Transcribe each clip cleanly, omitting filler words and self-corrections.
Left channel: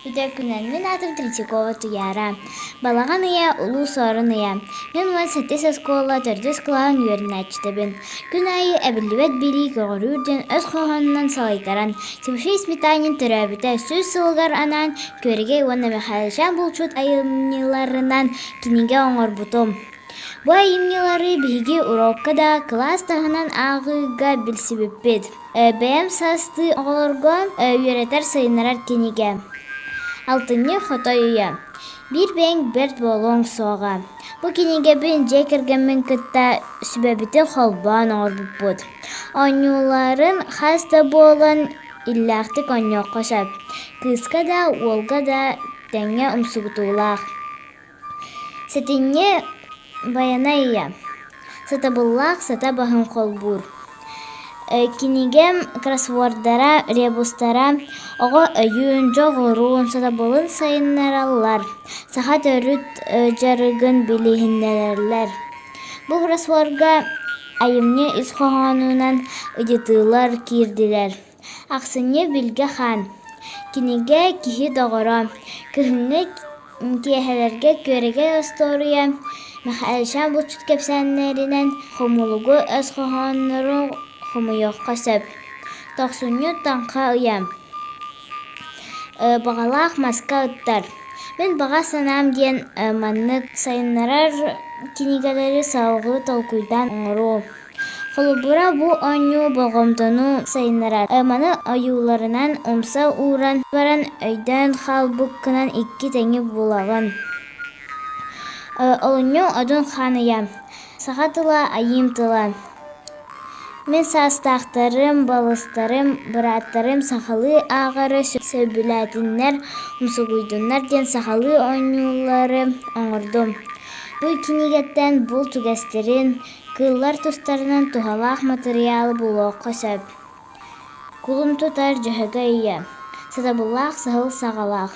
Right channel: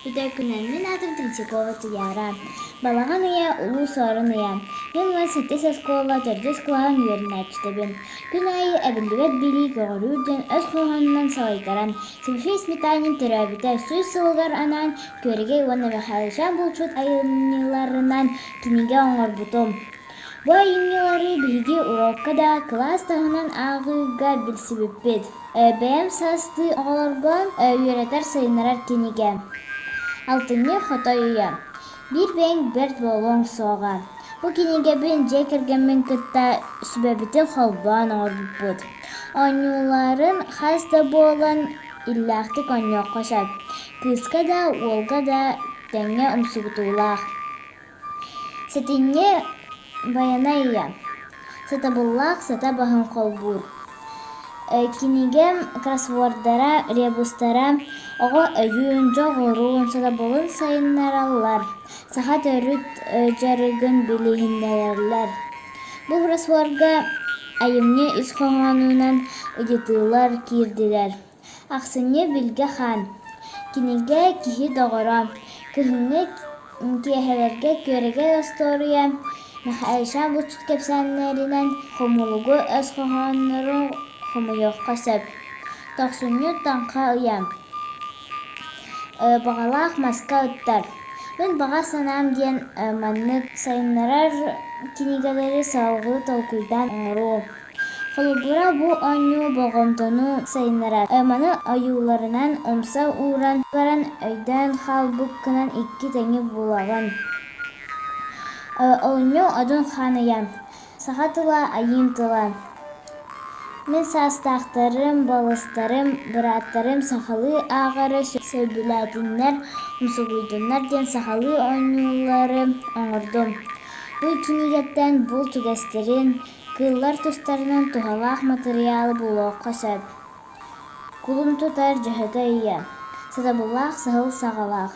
Үтәкүнән мен атым Третьякова туяра. Балаган ыя улуу сорун ыя. Мен уан сеттес оскола төрдес кылаан юөрнәчтебин. Күн айы әбіллебет били көғырүрден өз қоғанынан салайтаран. Тимофей Сметанин төрәбіте сөз сылгар анан көреге уанна Михайловичан булчут айымниларынан киниге оңор бутум. Бу айымнилары биһиги урокка да класс тағынан ағыга билсибиппит. Бәйәм састы оғолорго үйретер сайынарар киниге. Алтынны фотоюя. Bir бәң берт болон соға. Бу киниге бен жекерген кытта сүбәбите холбан орбут. Онюларын хаста болан иллахтык оньо кошап. Кыска да, олга да тәңе умсугутуйлах. Сетинне баяная. Сатабыллах сата бахын холбур. Кинигем кроссвордара, ребустара, ого өйүн, жоғырун, сатабылын сайынаралар. Саха төрүт жарыгын билихиннерлер. Бу кроссвордга айымне үз қоғанынан ыдетылар кирдилер. Ақсыне билге хан. Киниге кихи доғыра. Кыхынны киехелерге көреге история. Михайловичан бұлчут кепсәннерінен хомулугу өз қоғаныру хомуйоқ қасып. Тоқсуню таңқа ұям. Бағалақ маска ұттар. Мен баға санам ден манны сайынарар кинигелері салғы толкуйдан ұңыру. Холубура бу оню болғымтону сайынарар. Маны аюларынан омса уран баран өйден халбуккынан 2 тәңі болағын. Олыню одун ханыям. Сахатыла айымтыла. Мен састақтарым, балыстарым, быраттарым, сахалы ағары сөбіләтінлер, умсугуйдунлар ден сахалы оңюлары оңырдым. Бұл кинигеттен бұл түгестерін, кыллар тұстарынан тухалақ материалы болу қосып. Кулым тұтар жөһөгі ия. Сатабыллақ сахыл сағалақ.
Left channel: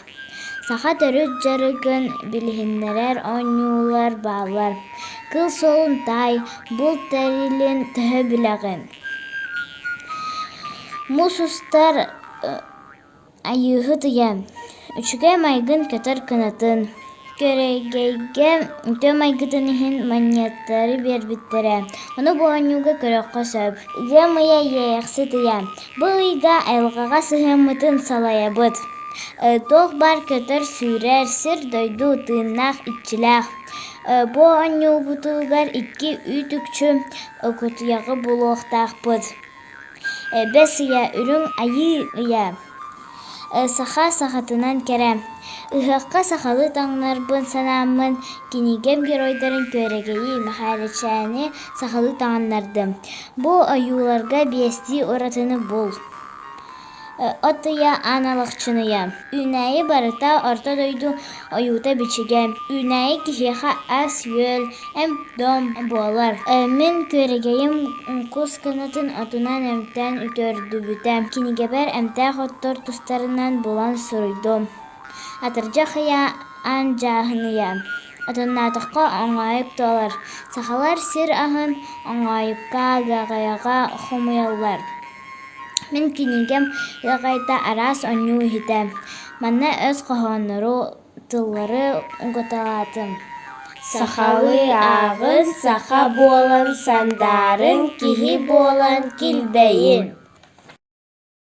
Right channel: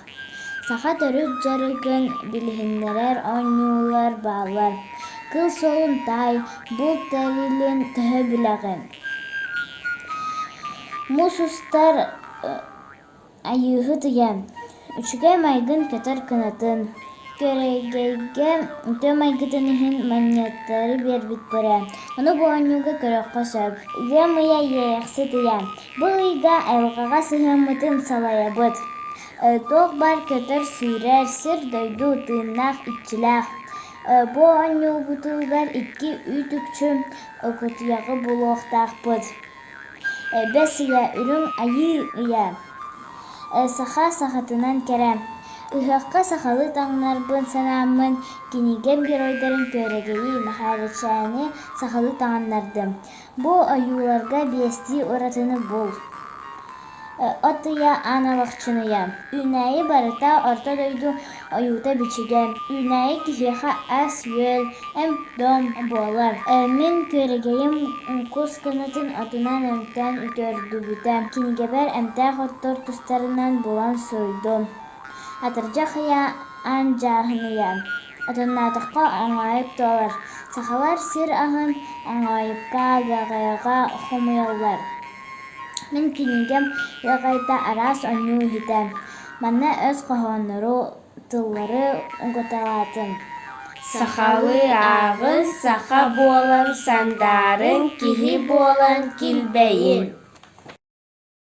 Саха төрүт жарыгын билихиннерер оңюлар бағлар. Кыл солун тай, бұл тәрилен төхі біләғін. Мусустар айығы тыян. Үчіге майгын көтір кынатын. Көрегейге төм айгытынығын манияттары бербіттері. Оны бұл ойнуға көрек қосып. Иға мыя еяқсы тыян. Бұл иға айлғаға сығымытын салая бұд. Тоқ бар көтір сүйрер сір дойду тыыннақ итчіләқ. Бу оню бутугар 2 үтүкчү окутуягы булуқтақ бұд. Бес ия үрің айы ия. Саха сахатынан керем. Үхіққа сахалы таңнарбын санамын кинигем геройдарын көрегейі Михайловичаны сахалы таңнарды. Бу аюларга бести оратыны бұл. Отыя аналықчыная. Үнәйі барыта орта дойду аюта бичіге. Үнәйі кихеха ас йөл, әм дом болар. Мен көрегейім кус кынатын отунан әмтән үтөрді бүтәм. Кинигебер әмтәқ оттор тұстарынан болан сұрыйдым. Атыржа қия ан жағыния. Отыннатыққа оңайып толар. Сақалар сир ағын оңайыпқа ғағайға хомыялар. Мен кинигем яғайта арас оню хитем. Манна өз қоғаныру тыллары ұңғыталатын. Сахалы ағыз саха болан сандарын кихи болан килбейін.